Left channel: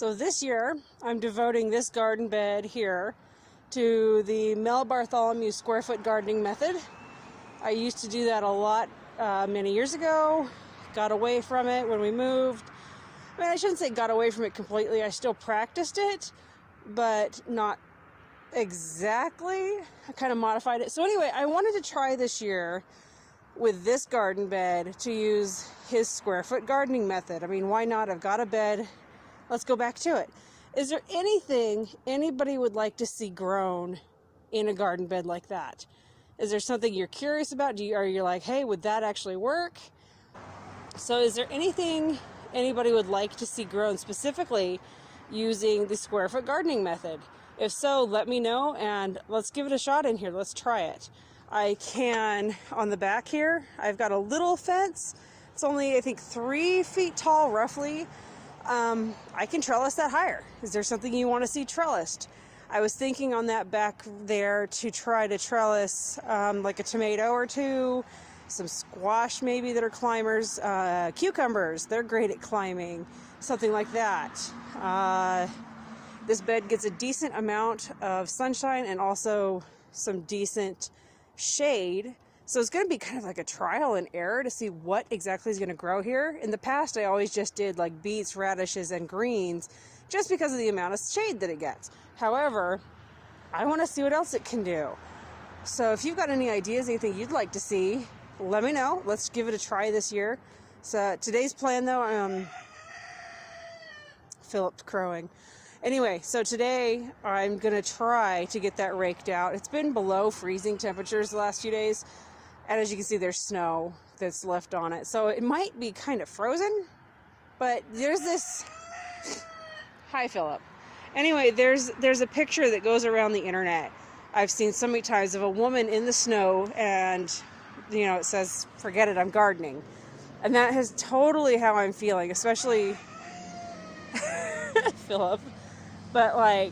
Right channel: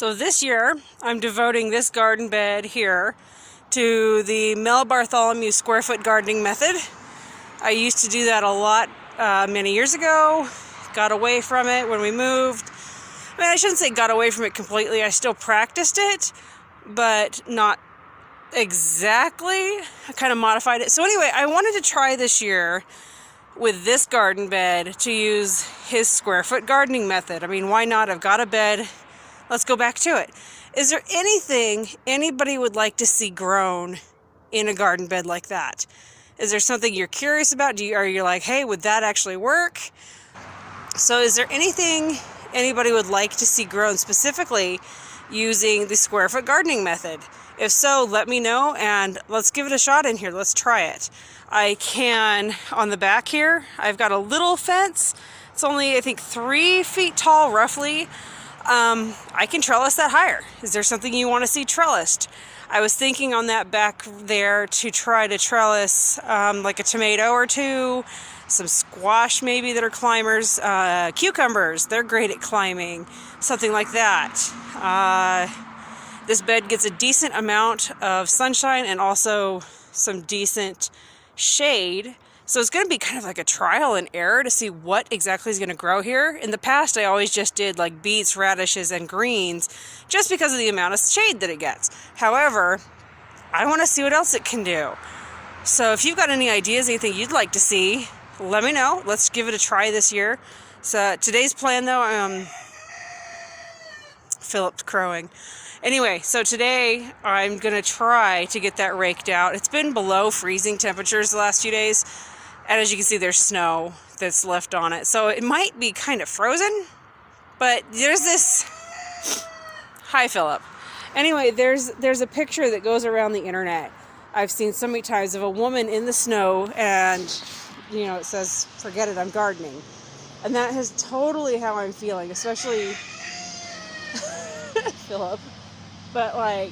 So this year, I'm devoting this garden bed here to the Mel Bartholomew square foot gardening method. I used to do that a lot many years ago, got away from it when we moved. I mean, I shouldn't say got away from it completely, I still practiced it, but not exactly. I kind of modified it. So anyway, I wanted to try this year with this garden bed to use his square foot gardening method. I mean, why not? I've got a bed. Let's go back to it. Is there anything anybody would like to see grown in a garden bed like that? Is there something you're curious about? Are you like, hey, would that actually work? So is there anything anybody would like to see grown specifically using the square foot gardening method? If so, let me know and let's give it a shot in here. Let's try it. I can, on the back here, I've got a little fence. It's only, I think, 3 feet tall, roughly. I can trellis that higher. Is there something you want to see trellised? I was thinking on that back there to try to trellis like a tomato or two, some squash maybe that are climbers, cucumbers, they're great at climbing, something like that. This bed gets a decent amount of sunshine and also some decent shade. So it's going to be kind of like a trial and error to see what exactly is going to grow here. In the past, I always just did like beets, radishes, and greens just because of the amount of shade that it gets. However, I want to see what else it can do. So if you've got any ideas, anything you'd like to see, let me know. Let's give it a try this year. So today's plan though, Philip's crowing. Anyway, so today I'm going to try to get that raked out. It's been below freezing temperatures the last few days. And as you can see, there's snow that's left on it. So it might be kind of frozen, but there's this... Hi, Philip. Anyway, there's a picture that goes around the internet I've seen so many times of a woman in the snow and, you know, it says, forget it, I'm gardening. And that is totally how I'm feeling, especially Philip. But like,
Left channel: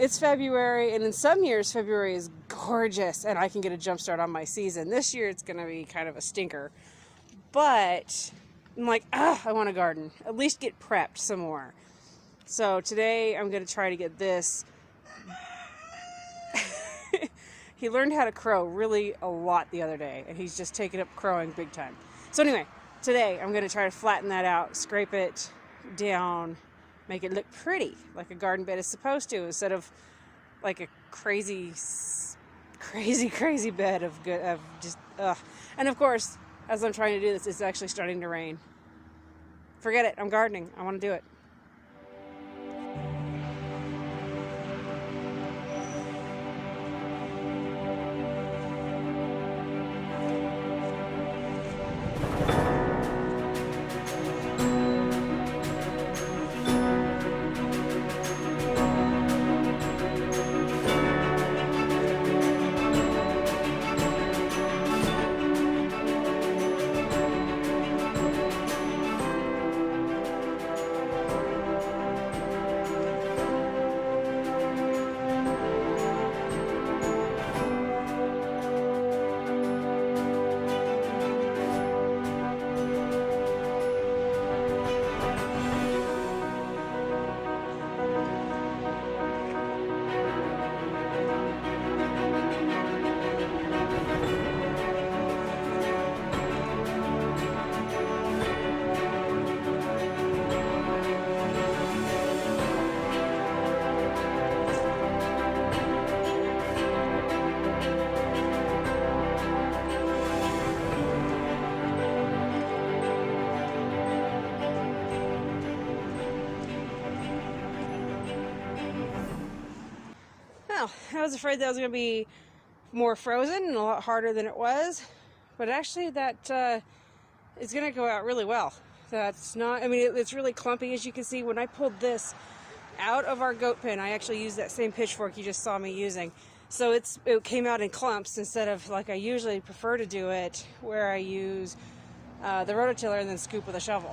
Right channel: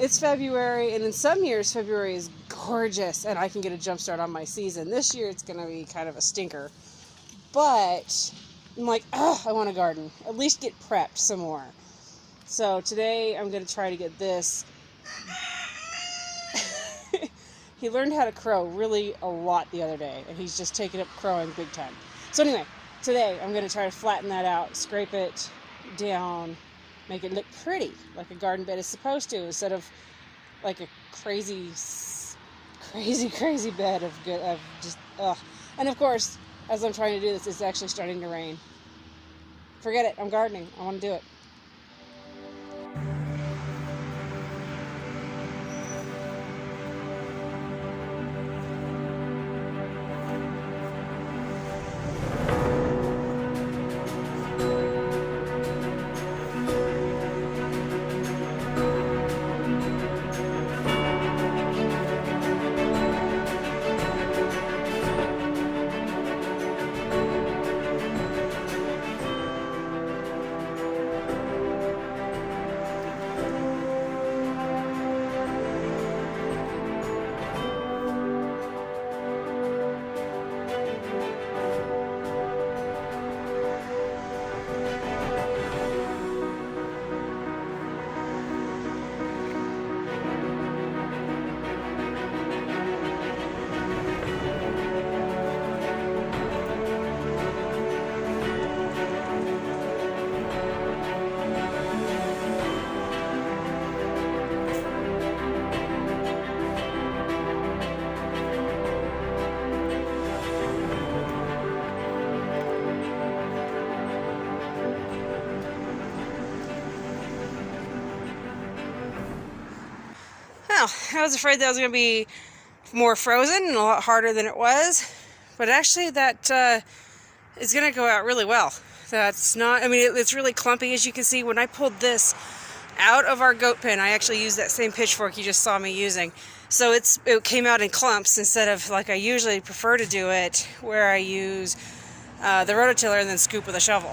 it's February, and in some years, February is gorgeous, and I can get a jump start on my season. This year, it's going to be kind of a stinker. But I'm like, I want to garden. At least get prepped some more. So today, I'm going to try to get this. He learned how to crow really a lot the other day, and he's just taken up crowing big time. So anyway, today, I'm going to try to flatten that out, scrape it down, make it look pretty, like a garden bed is supposed to, instead of like a crazy bed of just, ugh. And of course, as I'm trying to do this, it's actually starting to rain. Forget it, I'm gardening, I want to do it. I was afraid that was going to be more frozen and a lot harder than it was, but actually that is going to go out really well. That's not, I mean, it's really clumpy, as you can see. When I pulled this out of our goat pen, I actually used that same pitchfork you just saw me using. So it came out in clumps instead of like I usually prefer to do it, where I use the rototiller and then scoop with a shovel.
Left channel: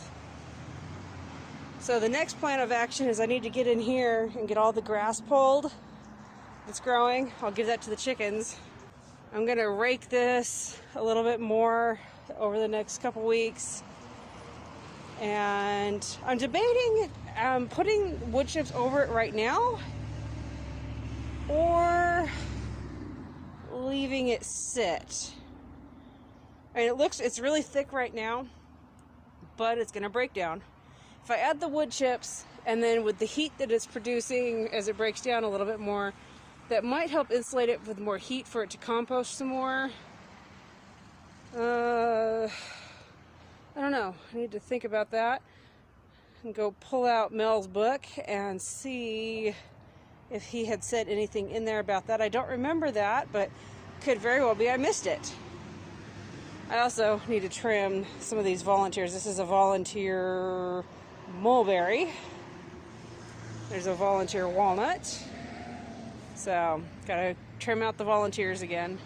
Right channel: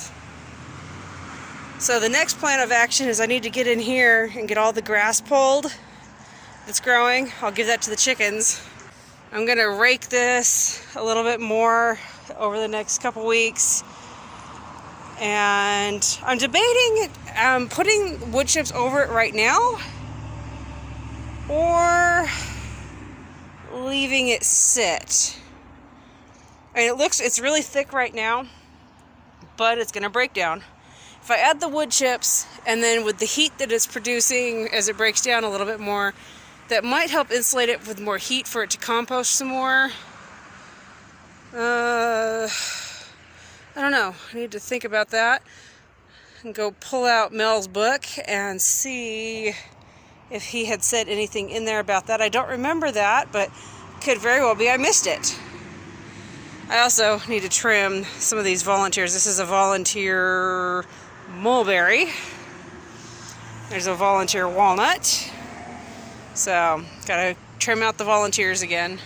So the next plan of action is I need to get in here and get all the grass pulled that's growing. I'll give that to the chickens. I'm gonna rake this a little bit more over the next couple weeks And I'm debating putting wood chips over it right now or leaving it sit. And it's really thick right now, but it's gonna break down. If I add the wood chips, and then with the heat that it's producing as it breaks down a little bit more, that might help insulate it with more heat for it to compost some more. I don't know. I need to think about that and go pull out Mel's book and see if he had said anything in there about that. I don't remember that, but could very well be I missed it. I also need to trim some of these volunteers. This is a volunteer mulberry. There's a volunteer walnut. So, gotta trim out the volunteers again.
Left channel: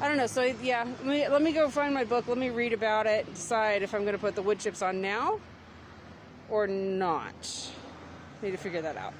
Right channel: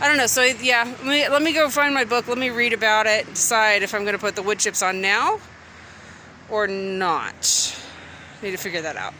I don't know, so yeah, let me go find my book, let me read about it, decide if I'm gonna put the wood chips on now or not. Need to figure that out.